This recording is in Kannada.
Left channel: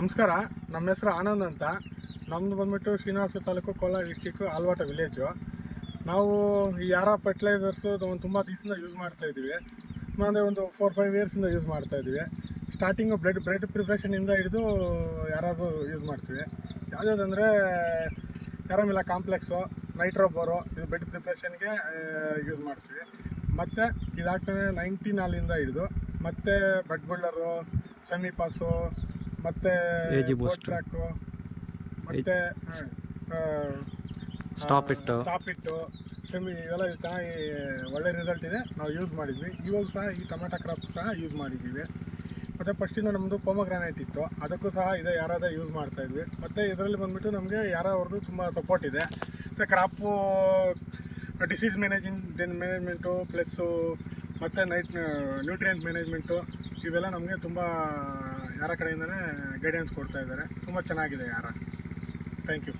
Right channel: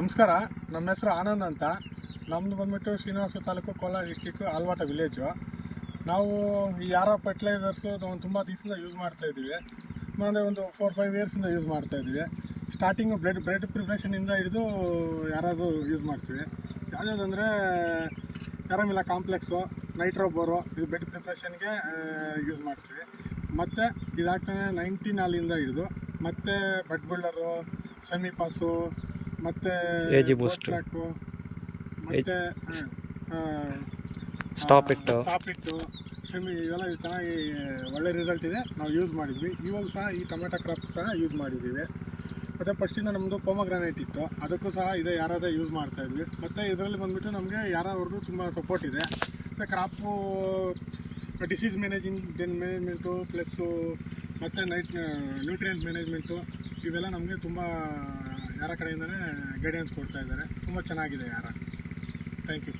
ನಮಸ್ಕಾರ. ನಮ್ಮ ಹೆಸರು ಆನಂದ್ ಅಂತ. ನಮ್ಮದು ಬಂದುಬಿಟ್ಟು ಶ್ರೀನಿವಾಸ ತಾಲೂಕು, ಕೋಲಾರ ಡಿಸ್ಟಿಕ್ಕು, ಆಲ್ವಾಟ ವಿಲೇಜು. ನಾವು ಈ ಯಾರಾ ಫರ್ಟಿಲೈಸರ್ಸು ತುಂಬ ದಿವಸದಿಂದ ಯೂಸ್ ಮಾಡ್ತಾಯಿದ್ದೀವಿ. ಅಂದರೆ ಒಂದು 4-5 ಇಯರ್ಸಿಂದ ಯೂಸ್ ಮಾಡ್ತಾಯಿದ್ದೀವಿ. ಸ್ಟಾರ್ಟಿಂಗು ಬ್ಲಡ್ ಪ್ರಿಪ್ರೇಷನಿಂದ ಹಿಡಿದು ಯಾರಾದರೂ ಯೂಸ್ ಮಾಡ್ತೀವಿ. ಯಾವುದಂದರೆ ಕ್ಯಾರಮಿಲ್ಲ ಕಾಂಪ್ಲೆಕ್ಸು, ನೈಟ್ರೋಬೋರು, ಇದು ಬ್ಲಡ್ ಪ್ರಿಪ್ರೇಷನ್ಗೆ ಯೂಸ್ ಮಾಡ್ತೀವಿ. ಮತ್ತು ಇದಾಗ್ತಾನೆ 19 ಹಾಲಿಂದ ಹಿಡಿದು ಮತ್ತು ಬಡ್ ಬಿಲ್ಡರು, ಸೆಮಿ ಪಾಸು, ಮತ್ತು ಟ್ರ್ಯಾಕು, ಮತ್ತು ಸ್ಟಾಪ್ ಇಟ್ಟು ಸೆಮಿ, ಇವೆಲ್ಲ ಚೆನ್ನಾಗಿ ಒಳ್ಳೆ ರಿಸಲ್ಟ್ ಇದೆ. ನಾವು ಯೂಸ್ ಮಾಡಿದ್ವಿ. ಇವಾಗ ಸಹ ಈ ಟೊಮೆಟೊ ಕ್ರಾಪ್ ಸಹ ಯೂಸ್ ಮಾಡಿದ್ದೀವಿ. ಮತ್ತು ಫಸ್ಟಿಂದ ನಮ್ಮದು ಪೊಮಗ್ರಾನೇಟ್ ಇತ್ತು, ಅದಕ್ಕೂ ಸಹ ಇದೇ ಯಾರಾದ ಯೂಸ್ ಮಾಡ್ತಾಯಿದ್ವಿ. ಮತ್ತು ಇದರಲ್ಲಿ ಬಂದುಬಿಟ್ಟು ನಮಗೆ ಅವ್ರದ್ದು ತುಂಬ ಸಪೋರ್ಟ್ ಇದೆ. ಮತ್ತು ಕ್ರಾಪು ಡಿಸೀಸ್ ಮ್ಯಾನೇಜ್ಮೆಂಟು ಪ್ಲಸ್ಸು ಮತ್ತು ನ್ಯೂಟ್ರಿಯೆಂಟ್ ಮ್ಯಾನೇಜ್ಮೆಂಟು, ಇವೆಲ್ಲ ನಮಗೆ ತುಂಬ ಯಾರ ಕಡೆಯಿಂದನೇ ಗೈಡೆನ್ಸ್ ಕೊಡ್ತಾಯಿದ್ದಾರೆ. ತುಂಬ ಚೆನ್ನಾಗಿದೆ ಯಾರ. Thank you.